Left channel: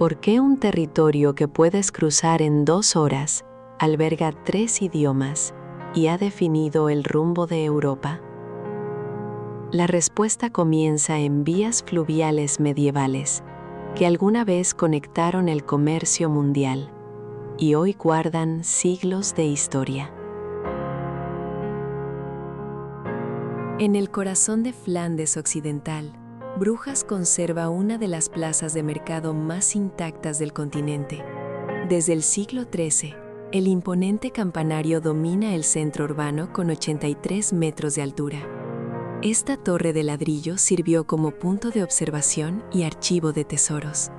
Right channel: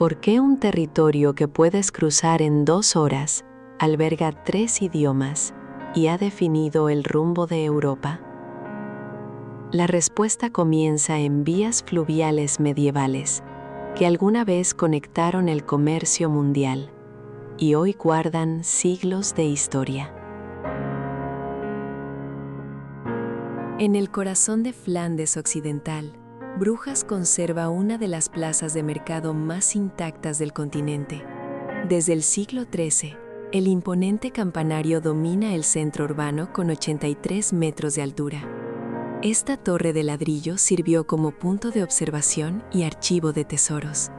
¿Por qué un territorio que puedes cruzar en 2 horas alberga 3 idiomas y ha definido el rumbo de Europa? La respuesta comienza en vías fluviales medievales que alguna vez conectaron el comercio mundial y hoy guardan siglos de historia. En el corazón de Flandes Occidental, Brujas conserva una de las plazas de mercado más intactas del continente. Desde el siglo XIII, el imponente campanario domina el centro urbano con 83 metros de altura. Esta torre de ladrillo sirvió como punto de observación y archivo de tesoros.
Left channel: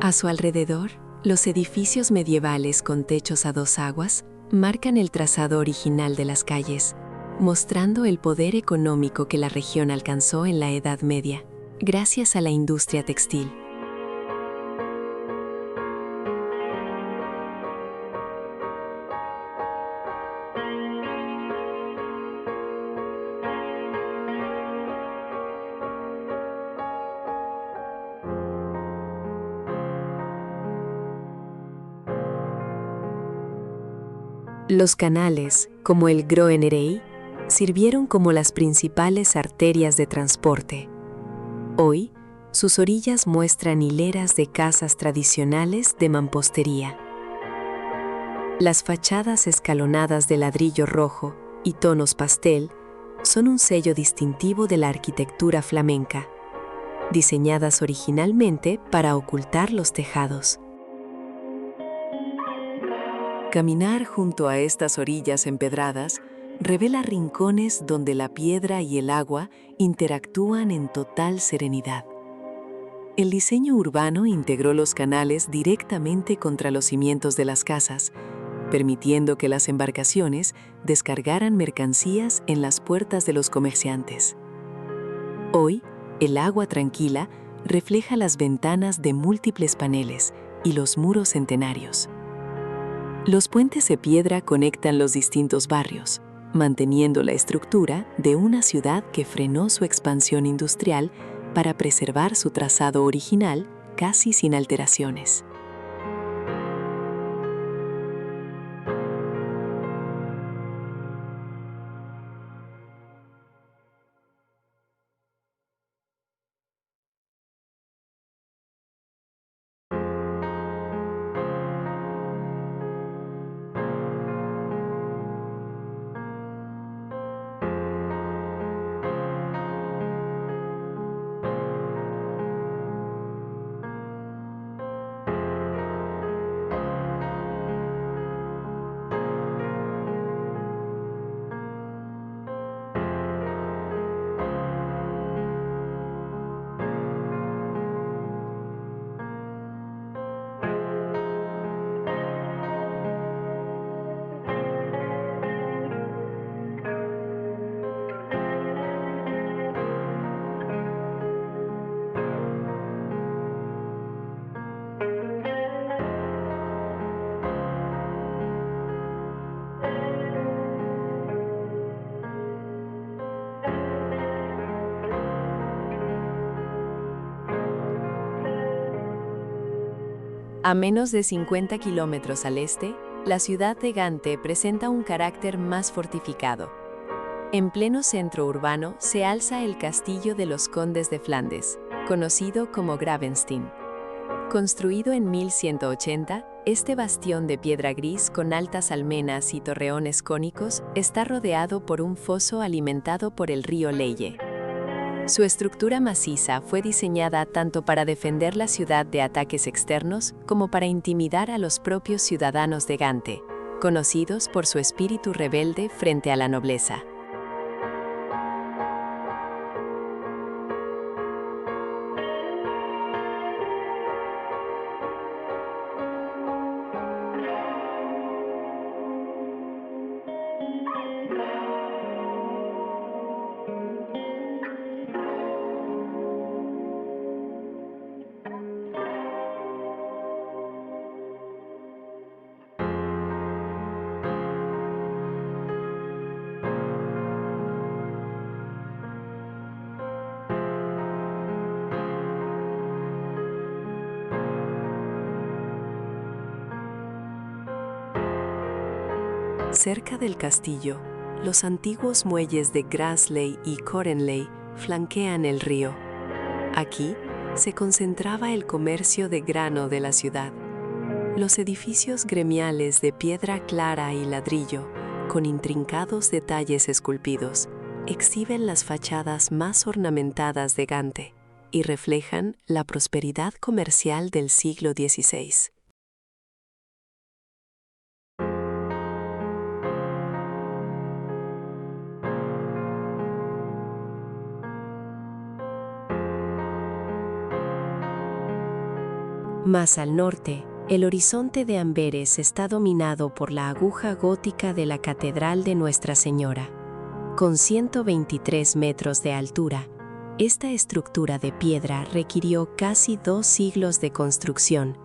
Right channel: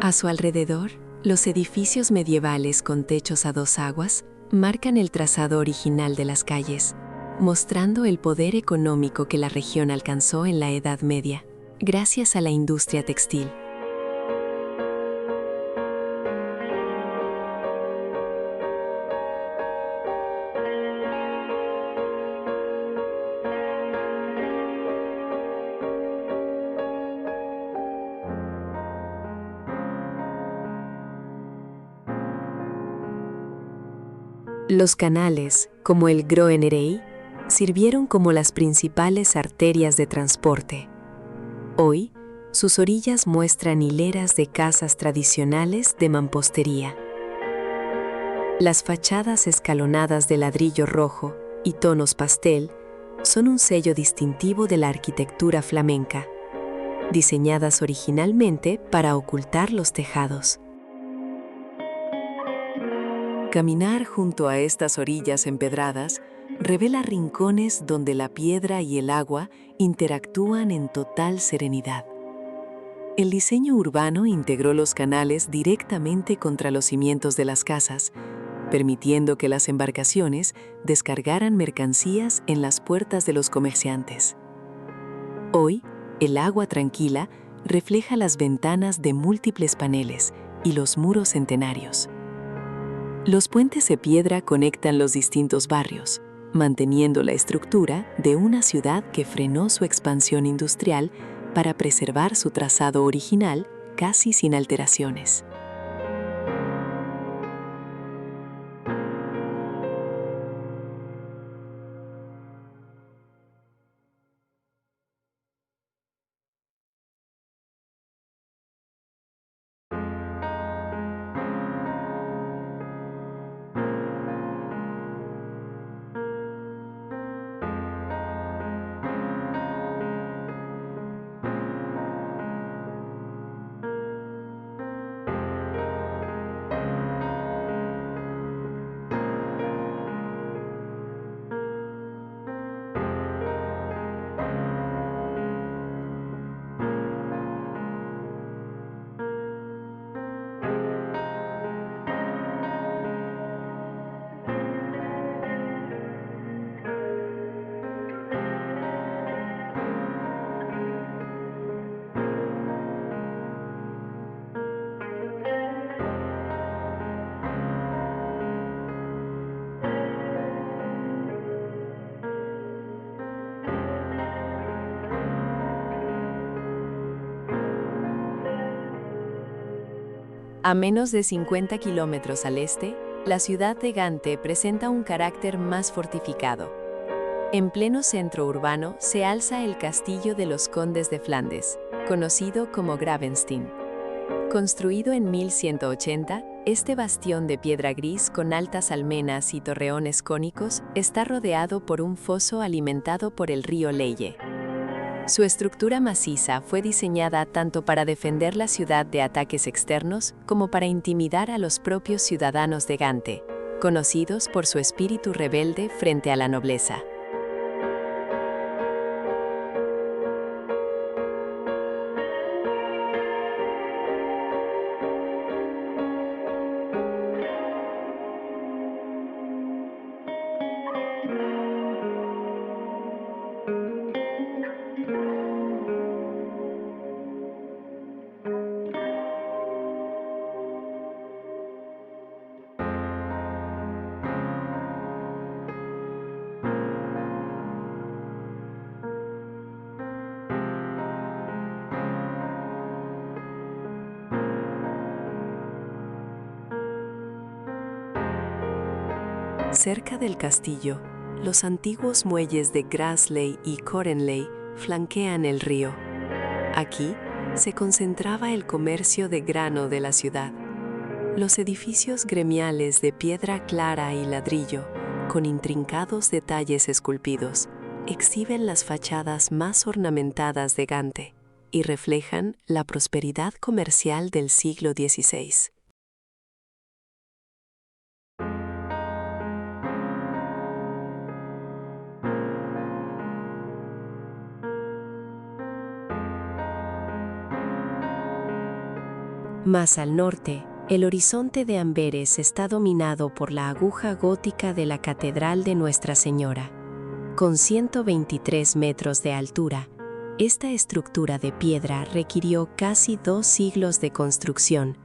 A su alrededor, los edificios medievales con techos a 2 aguas marcan el trazado original de las calles, mostrando el poder económico que la región alcanzó en la Edad Media, gracias a la industria textil. Los canales, como el Groenerei, sirvieron como las principales arterias de transporte. Hoy, sus orillas muestran hileras de casas tradicionales de mampostería. Las fachadas escalonadas de ladrillo rojo y tonos pastel son un sello distintivo de la arquitectura flamenca, diseñadas originalmente para ocultar los tejados. Caminar junto a estas orillas empedradas revela rincones donde la piedra y el agua interactúan en total serenidad. El diseño urbano integró los canales directamente contra los cimientos de las casas, permitiendo que las embarcaciones descargaran mercancías en las puertas de los comerciantes. Hoy, el agua tranquila refleja las ventanas de múltiples paneles y los muros centenarios. Los puentes de piedra conectan los distintos barrios, manteniendo la estructura de una ciudad que frenó su expansión industrial para preservar su trazado original casi sin alteraciones. A menos de 50 kilómetros al este, la ciudad de Gante presenta un carácter más fortificado. En pleno centro urbano se alza el Castillo de los Condes de Flandes, conocido como Gravenstein. Construido en 1180, este bastión de piedra gris con altas almenas y torreones cónicos está rodeado por un foso alimentado por el río Leye. Su estructura maciza fue diseñada tanto para defender la ciudad de ataques externos como para intimidar a los propios ciudadanos de Gante, conocidos por su espíritu rebelde frente a la nobleza. Cerca del castillo, los antiguos muelles de Grassley y Corenley flanquean el río. Aquí se concentraba el comercio de grano de la ciudad. Los edificios gremiales de piedra clara y ladrillo, con intrincados detalles esculpidos, exhiben las fachadas más ornamentadas de Gante y reflejan la prosperidad comercial del siglo XVI. Más al norte, el horizonte de Amberes está dominado por la aguja gótica de la Catedral de Nuestra Señora. Con 123 metros de altura, esta estructura de piedra requirió casi 2 siglos de construcción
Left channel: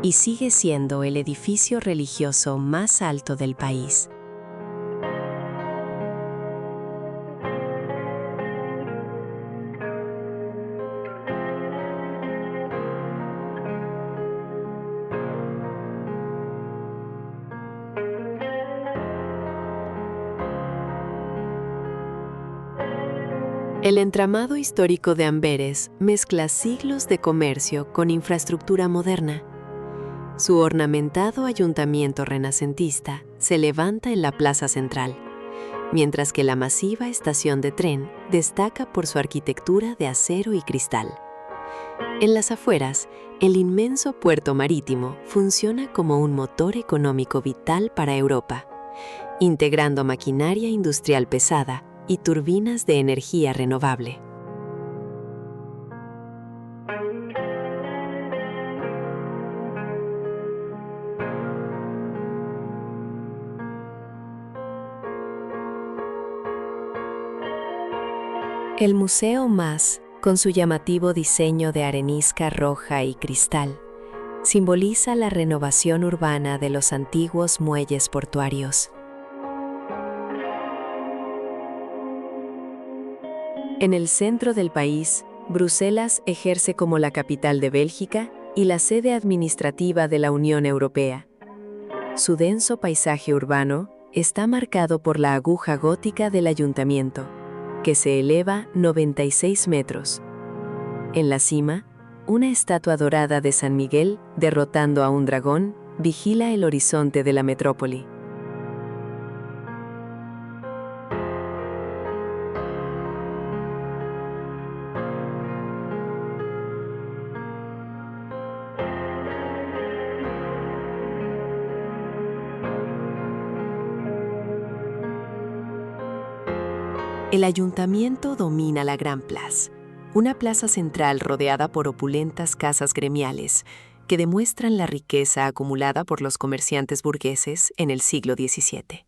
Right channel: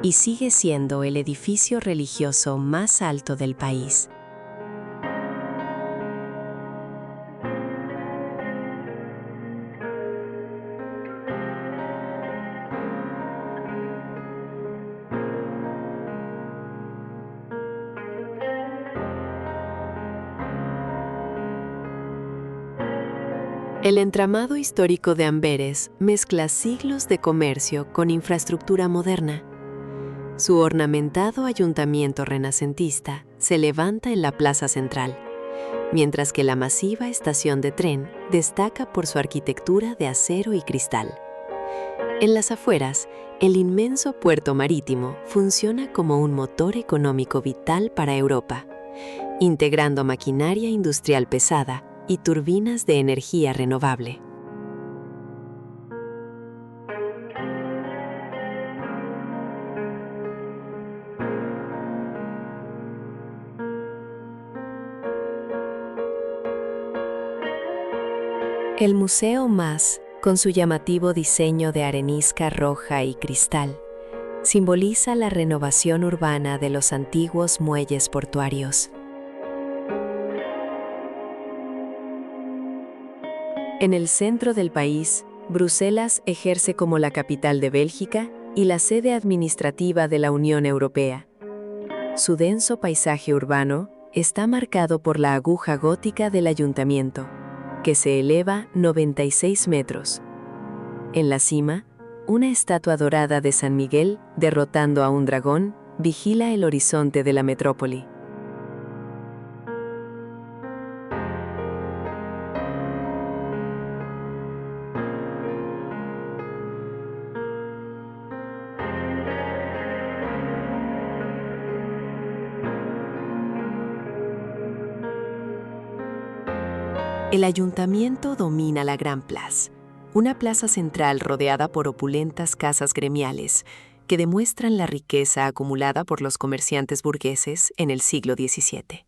y sigue siendo el edificio religioso más alto del país. El entramado histórico de Amberes mezcla siglos de comercio con infraestructura moderna. Su ornamentado ayuntamiento renacentista se levanta en la plaza central, mientras que la masiva estación de tren destaca por su arquitectura de acero y cristal. En las afueras, el inmenso puerto marítimo funciona como un motor económico vital para Europa, integrando maquinaria industrial pesada y turbinas de energía renovable. El Museo Mas, con su llamativo diseño de arenisca roja y cristal, simboliza la renovación urbana de los antiguos muelles portuarios. En el centro del país, Bruselas ejerce como la capital de Bélgica y la sede administrativa de la Unión Europea. Su denso paisaje urbano está marcado por la aguja gótica del ayuntamiento, que se eleva 96 metros. En la cima, una estatua dorada de San Miguel, derrotando a un dragón, vigila el horizonte de la metrópoli. El ayuntamiento domina la Gran Place, una plaza central rodeada por opulentas casas gremiales que demuestran la riqueza acumulada por los comerciantes burgueses en el siglo XVII.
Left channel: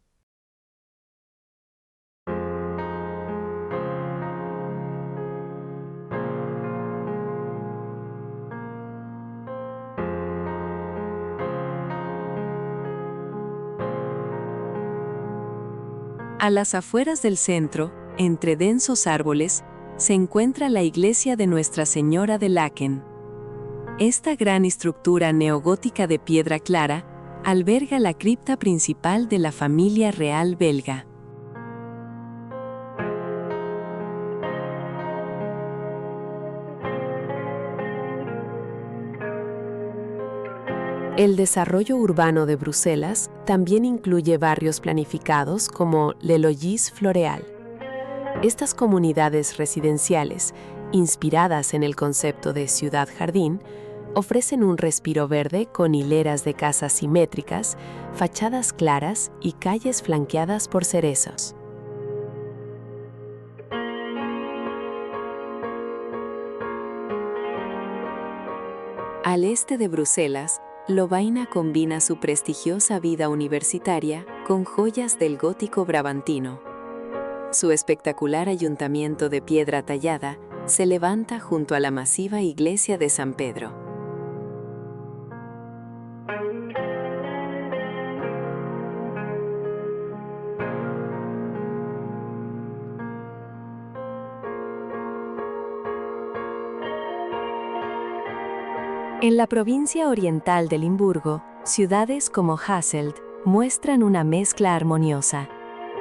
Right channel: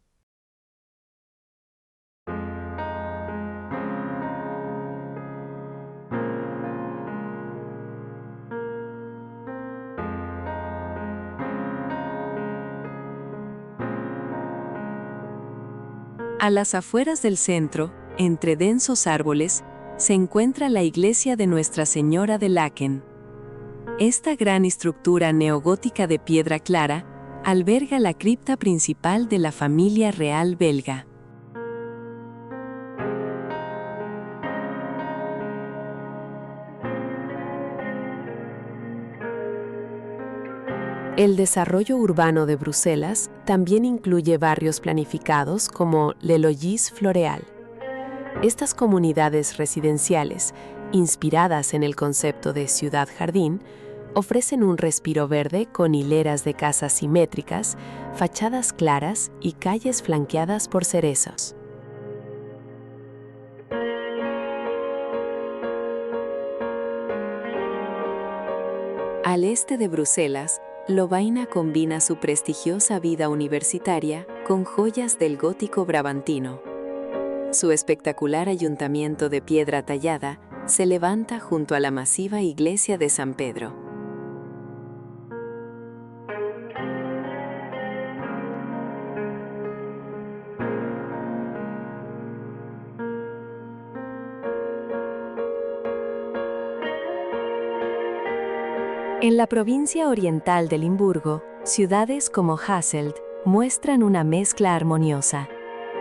A las afueras del centro, entre densos árboles, se encuentra la iglesia de Nuestra Señora de Laeken. Esta gran estructura neogótica de piedra clara alberga la cripta principal de la familia real belga. El desarrollo urbano de Bruselas también incluye barrios planificados como Le Logis Floreal. Estas comunidades residenciales, inspiradas en el concepto de ciudad-jardín, ofrecen un respiro verde con hileras de casas simétricas, fachadas claras y calles flanqueadas por cerezos. Al este de Bruselas, Lovaina combina su prestigiosa vida universitaria con joyas del gótico brabantino. Su espectacular ayuntamiento de piedra tallada se levanta junto a la masiva iglesia de San Pedro. En la provincia oriental de Limburgo, ciudades como Hasselt, muestran una mezcla armoniosa.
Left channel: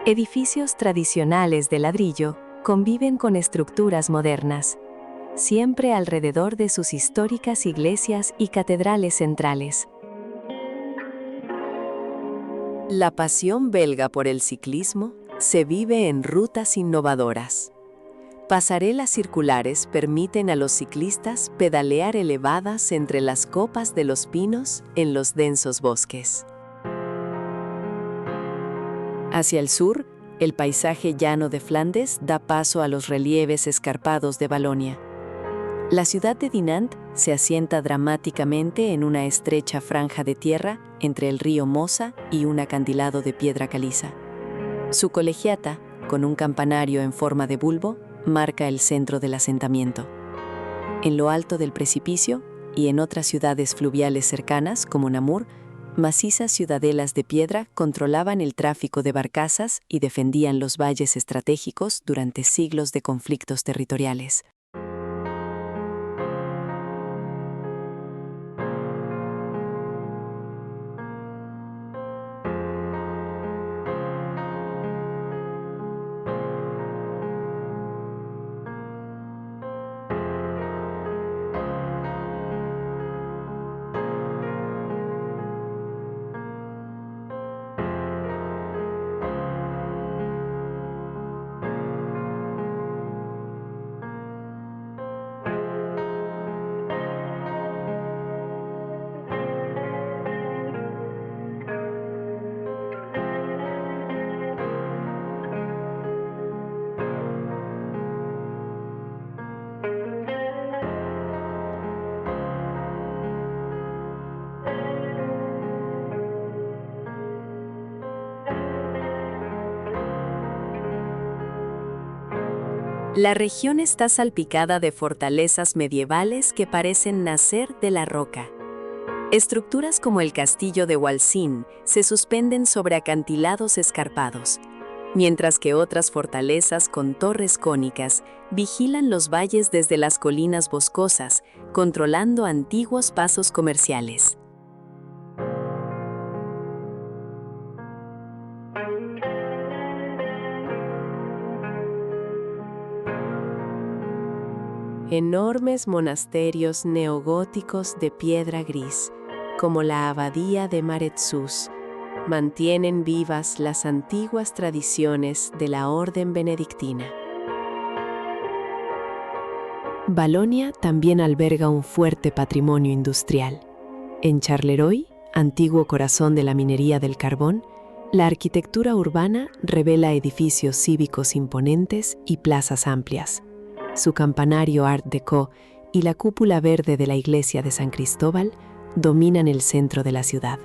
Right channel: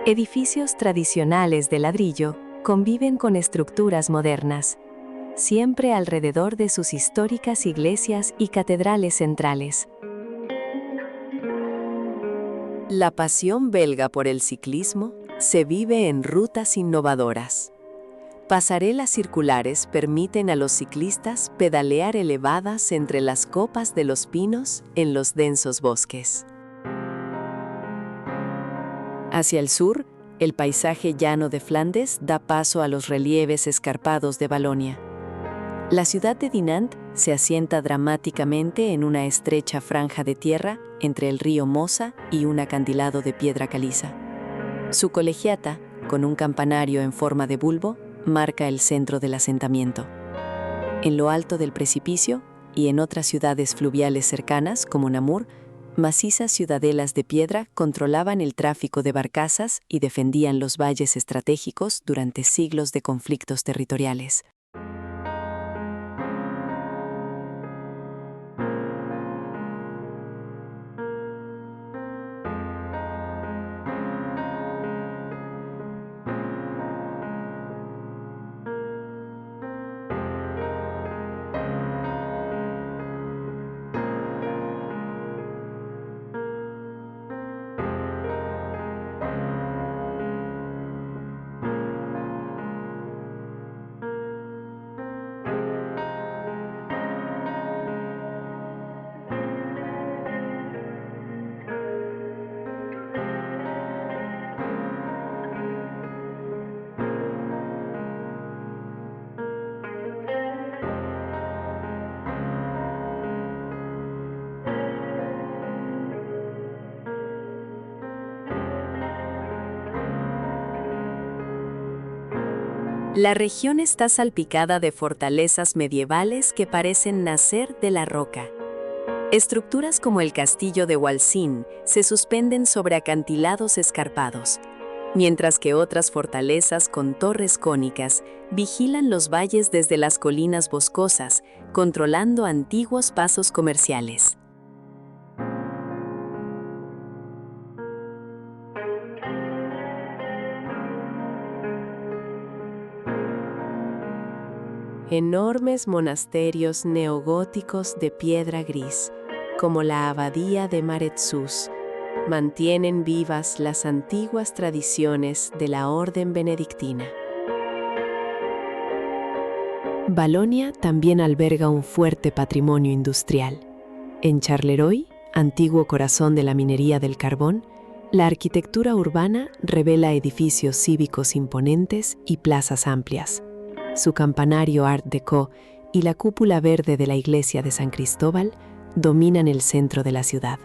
Edificios tradicionales de ladrillo conviven con estructuras modernas, siempre alrededor de sus históricas iglesias y catedrales centrales. La pasión belga por el ciclismo se vive en rutas innovadoras. Pasarelas circulares permiten a los ciclistas pedalear elevadas entre las copas de los pinos en los densos bosques. Hacia el sur, el paisaje llano de Flandes da paso a los relieves escarpados de Valonia. La ciudad de Dinant se asienta dramáticamente en una estrecha franja de tierra entre el río Mosa y un acantilado de piedra caliza. Su colegiata, con un campanario en forma de bulbo, marca el centro del asentamiento. En lo alto del precipicio y en otras ciudades fluviales cercanas, como Namur, macizas ciudadelas de piedra controlaban el tráfico de barcazas y defendían los valles estratégicos durante siglos de conflictos territoriales. La región está salpicada de fortalezas medievales que parecen nacer de la roca. Estructuras como el castillo de Walsin se suspenden sobre acantilados escarpados, mientras que otras fortalezas con torres cónicas vigilan los valles desde las colinas boscosas, controlando antiguos pasos comerciales. Enormes monasterios neogóticos de piedra gris, como la abadía de Maretsus, mantienen vivas las antiguas tradiciones de la orden benedictina. Valonia también alberga un fuerte patrimonio industrial. En Charleroi, antiguo corazón de la minería del carbón, la arquitectura urbana revela edificios cívicos imponentes y plazas amplias. Su campanario Art Deco y la cúpula verde de la iglesia de San Cristóbal dominan el centro de la ciudad.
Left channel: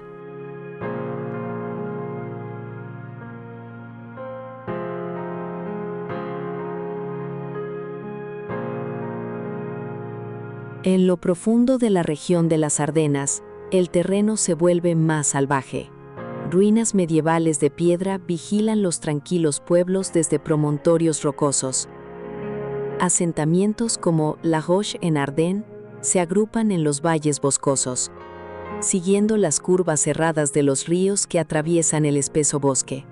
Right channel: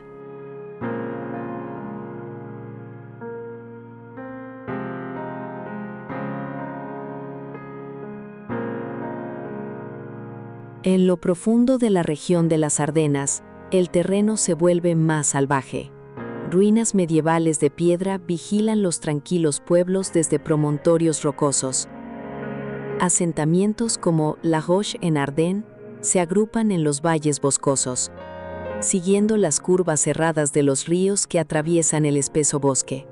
En lo profundo de la región de las Ardenas, el terreno se vuelve más salvaje. Ruinas medievales de piedra vigilan los tranquilos pueblos desde promontorios rocosos. Asentamientos como La Roche en Ardennes se agrupan en los valles boscosos, siguiendo las curvas cerradas de los ríos que atraviesan el espeso bosque.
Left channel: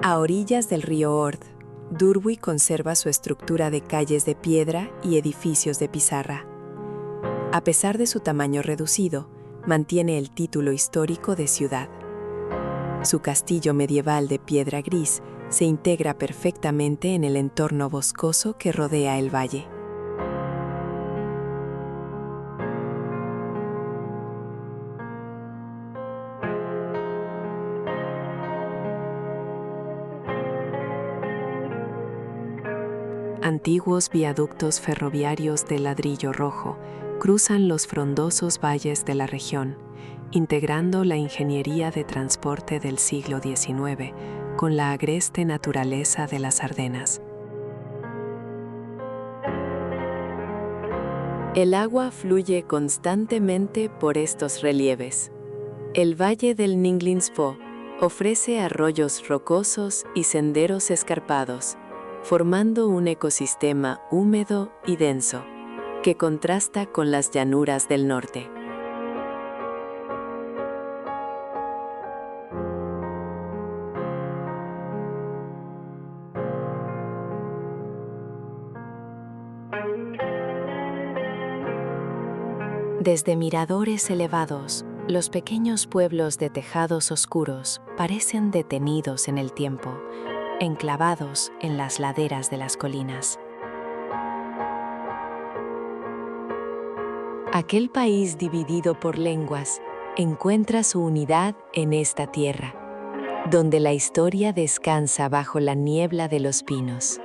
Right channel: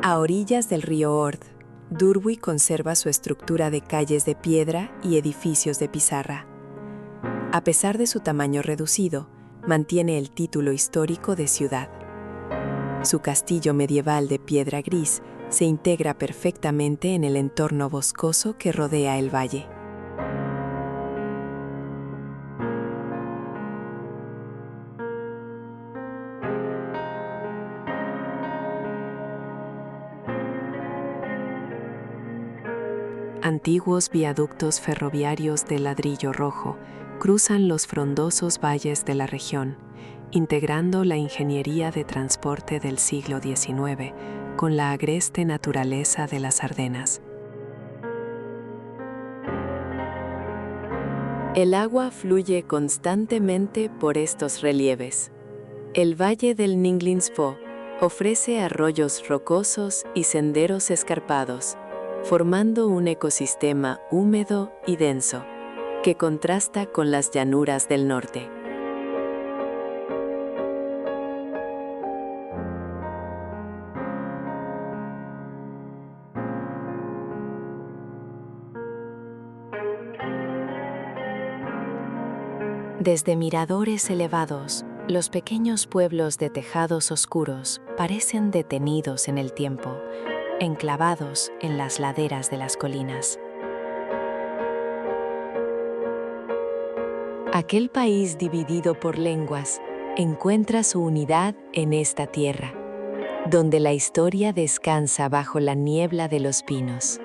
A orillas del río Ord, Durbuy conserva su estructura de calles de piedra y edificios de pizarra. A pesar de su tamaño reducido, mantiene el título histórico de ciudad. Su castillo medieval de piedra gris se integra perfectamente en el entorno boscoso que rodea el valle. Antiguos viaductos ferroviarios de ladrillo rojo cruzan los frondosos valles de la región, integrando la ingeniería de transporte del siglo XIX con la agreste naturaleza de las Ardenas. El agua fluye constantemente por estos relieves. El valle del Ninglinsfo Ofrece arroyos rocosos y senderos escarpados, formando un ecosistema húmedo y denso, que contrasta con las llanuras del norte. Desde miradores elevados, los pequeños pueblos de tejados oscuros parecen detenidos en el tiempo, enclavados en las laderas de las colinas. Aquel país dividido por lenguas encuentra su unidad en esta tierra, donde la historia descansa bajo la niebla de los pinos.